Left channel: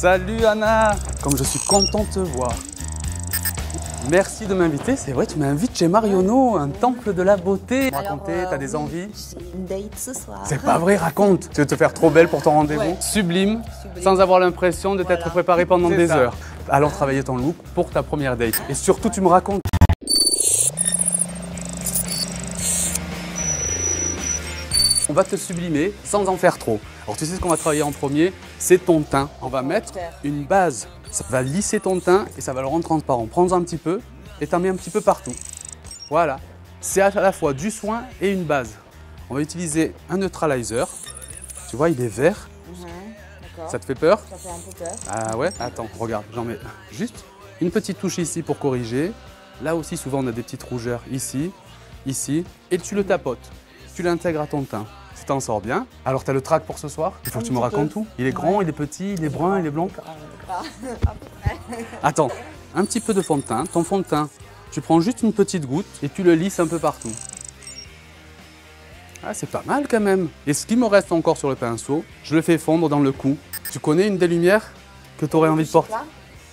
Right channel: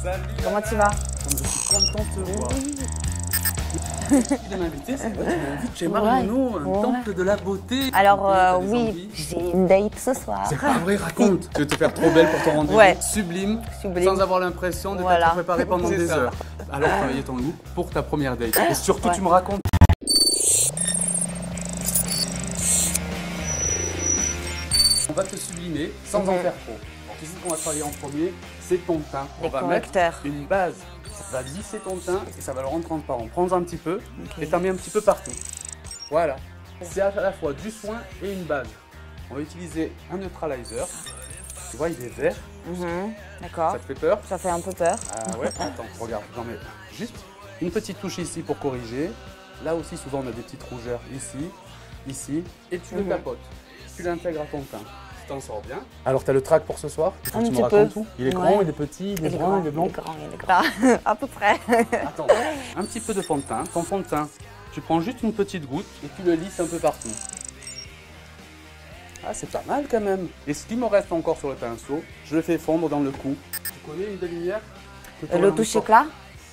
Salut Anna, comme je suis content de te voir. Merci de m'inviter, c'est vrai, tu m'invites chez Marionneau, un temple de la beauté. Alors t'as des oui, envies? j'ai une date ce soir. C'est pas vrai, raconte. Tu veux te faire trop belle pour ton rendez-vous. Ouais. Sublime, Sublime. sans avoir l'impression de t'être préparée pendant des ça. heures. Alors travailler ton look pour ta première date. Et surtout, tu me racontes. On va te sublimer sans en faire trop. Alors tu sais ce qu'on va travailler en premier, c'est ton teint. On va mettre une base, ça va lisser ton teint et ça va le rendre transparent. Prends-en un petit peu et t'en mets un petit peu partout. Voilà, c'est à la fois du soin et une base. On va utiliser un neutralizer. Tu vois, il est vert. D'accord. Ça te fait peur? Ça fait un peu peur. Ah ouais? Attends, regarde, j'en mets juste une petite touche ici pour corriger. Là aussi, souvent, on a des petites rougeurs ici, ici. Et tu le tapotes. Tu l'intègres à ton teint. Tu t'en sors bien. Alors, tu as le track pour ce soir? Il faut que tu me racontes tout. Il est grand, il est petit, il est brun, il est blanc? À peu près. Attends, un petit peu de fond de teint. Ton fond de teint, tu prends juste une petite goutte et tu le lisses un peu partout. Ah, c'est pas mal quand même. Et ce qui me reste encore sur le pinceau, je le fais fondre dans le cou. Tu connais une des lumières que tu aurais envie de porter?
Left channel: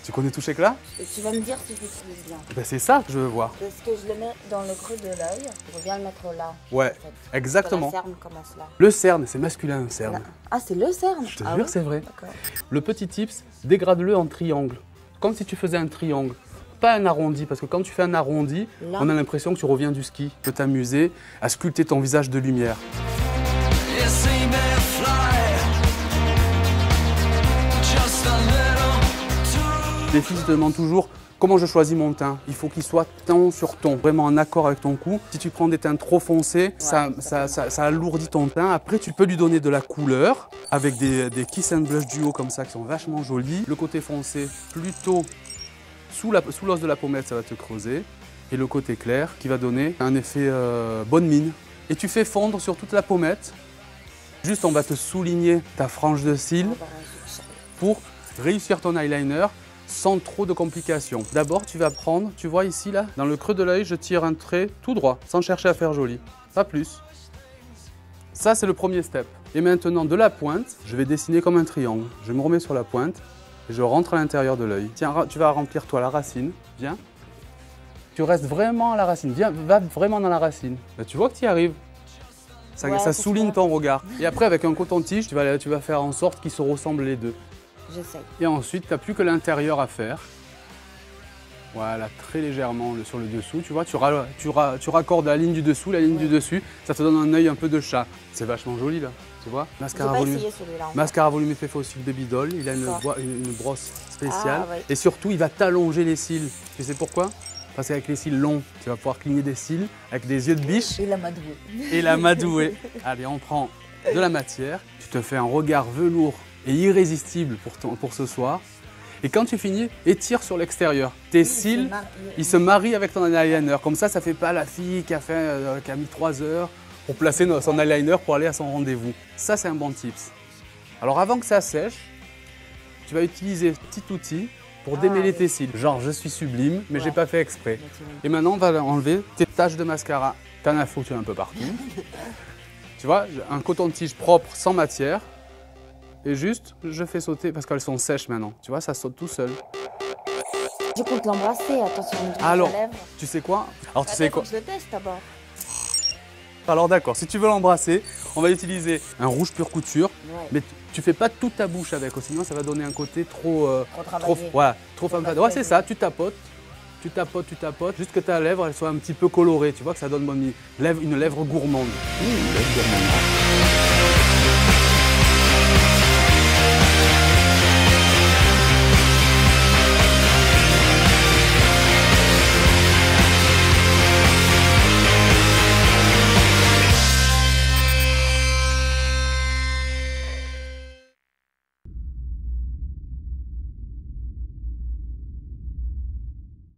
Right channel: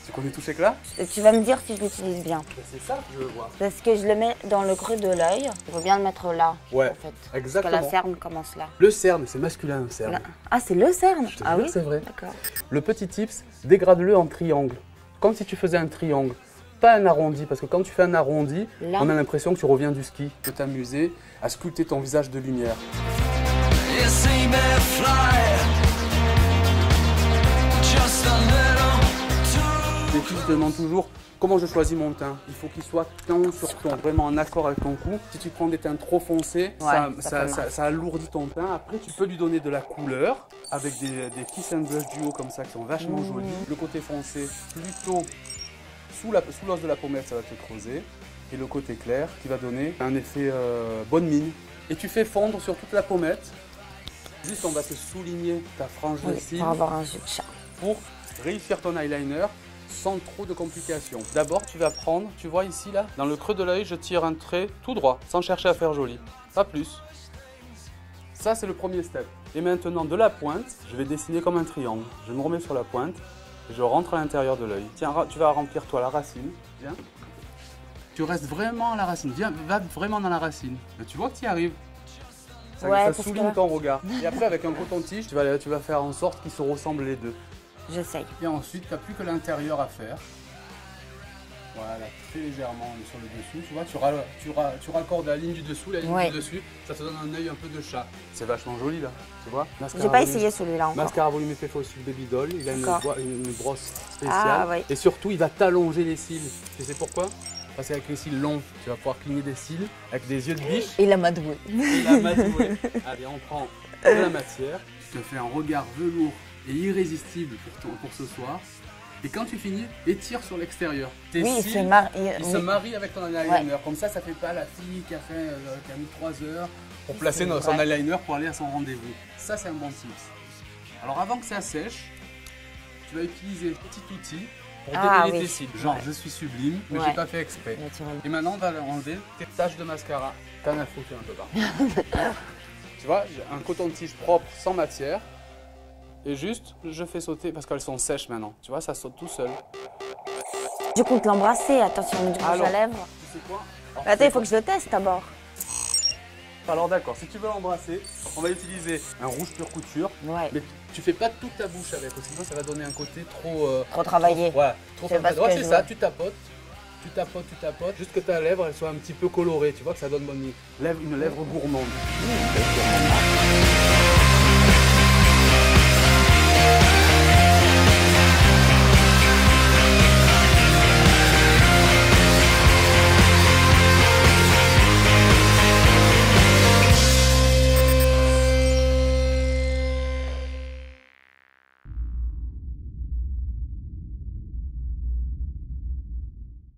Tu connais Touche Éclat? Tu vas me dire si je l'utilise bien. Ben, c'est ça que je veux voir. Parce que je le mets dans le creux de l'œil. Il faut bien le mettre là. Ouais, en fait. exactement. Parce que la cerne commence là. Le cerne, c'est masculin, un cerne. Ah, c'est le cerne? Je te Ah jure oui, c'est vrai. D'accord. Le petit tips, dégrade-le en triangle. Comme si tu faisais un triangle. Pas un arrondi, parce que quand tu fais un arrondi, là, on a l'impression que tu reviens du ski. Tu peux t'amuser à sculpter ton visage de lumière. Les filles te demandent toujours comment je choisis mon teint. Il faut qu'il soit ton sur ton, vraiment en accord avec ton cou. Si tu prends des teints trop foncés, ça alourdit ton teint. Après, tu peux lui donner de la couleur avec des kiss and blush duo comme ça qui sont vachement jolis. Le côté foncé, plutôt sous l'os de la pommette, ça va te creuser. Et le côté clair qui va donner un effet bonne mine. Et tu fais fondre sur toute la pommette. Juste, on va te souligner ta frange de cils pour réussir ton eyeliner sans trop de complications. D'abord, tu vas prendre, tu vois ici, là, dans le creux de l'œil, je tire un trait tout droit, sans chercher à faire joli. Pas plus. Ça, c'est le premier step. Et maintenant, de la pointe, je vais dessiner comme un triangle. Je me remets sur la pointe et je rentre à l'intérieur de l'œil. Tiens, tu vas remplir, toi, la racine. Viens. Tu restes vraiment à la racine. Viens, va vraiment dans la racine. Là, tu vois que tu y arrives. Ça souligne ton regard. Et après, avec un coton-tige, tu vas faire en sorte qu'ils se ressemblent les deux. J'essaye. Et ensuite, tu n'as plus que l'intérieur à faire. Voilà, très légèrement sur le dessous. Tu vois, tu raccordes la ligne du dessous, la ligne du dessus. Ça te donne un œil un peu de chat. C'est vachement joli, là. Tu vois? J'ai pas essayé celui-là. Mascara volumifié Fossil Baby Doll. Il a une brosse spéciale. Ah, ouais. Et surtout, il va t'allonger les cils. Tu sais pourquoi? Parce qu'avec les cils longs, tu vas pouvoir cligner des cils avec des yeux de biche. Et la madouée. Et la madouée. Allez, on prend de la matière. Tu te fais un regard velours et irrésistible pour ce soir. Et quand tu finis, étire sur l'extérieur. Tes cils, ils se marient avec ton eyeliner. Ouais. Comme ça ne fait pas la fille qui a mis 3 heures pour placer son eyeliner pour aller à son rendez-vous. Ça, c'est un bon tips. Alors, avant que ça sèche, tu vas utiliser un petit outil pour démêler tes cils. Genre, je suis sublime, mais j'ai pas fait exprès. Et maintenant, on va enlever tes taches de mascara. T'en as foutu un peu partout. Tu vois, un coton-tige propre, sans matière. Et juste, je fais sauter, parce qu'elles sont sèches maintenant. Tu vois, ça saute tout seul. Je compte l'embrasser, attention, du rouge à lèvres. Tu sais quoi? Alors, il faut que je le teste d'abord. Alors d'accord, si tu veux l'embrasser, on va utiliser un rouge pure couture. Ouais. Mais tu fais pas toute ta bouche avec, sinon ça va donner un côté trop travaillé. Trop travaillé. Ouais, c'est ça, tu tapotes, juste que ta lèvre elle soit un petit peu colorée, tu vois que ça donne une lèvre gourmande.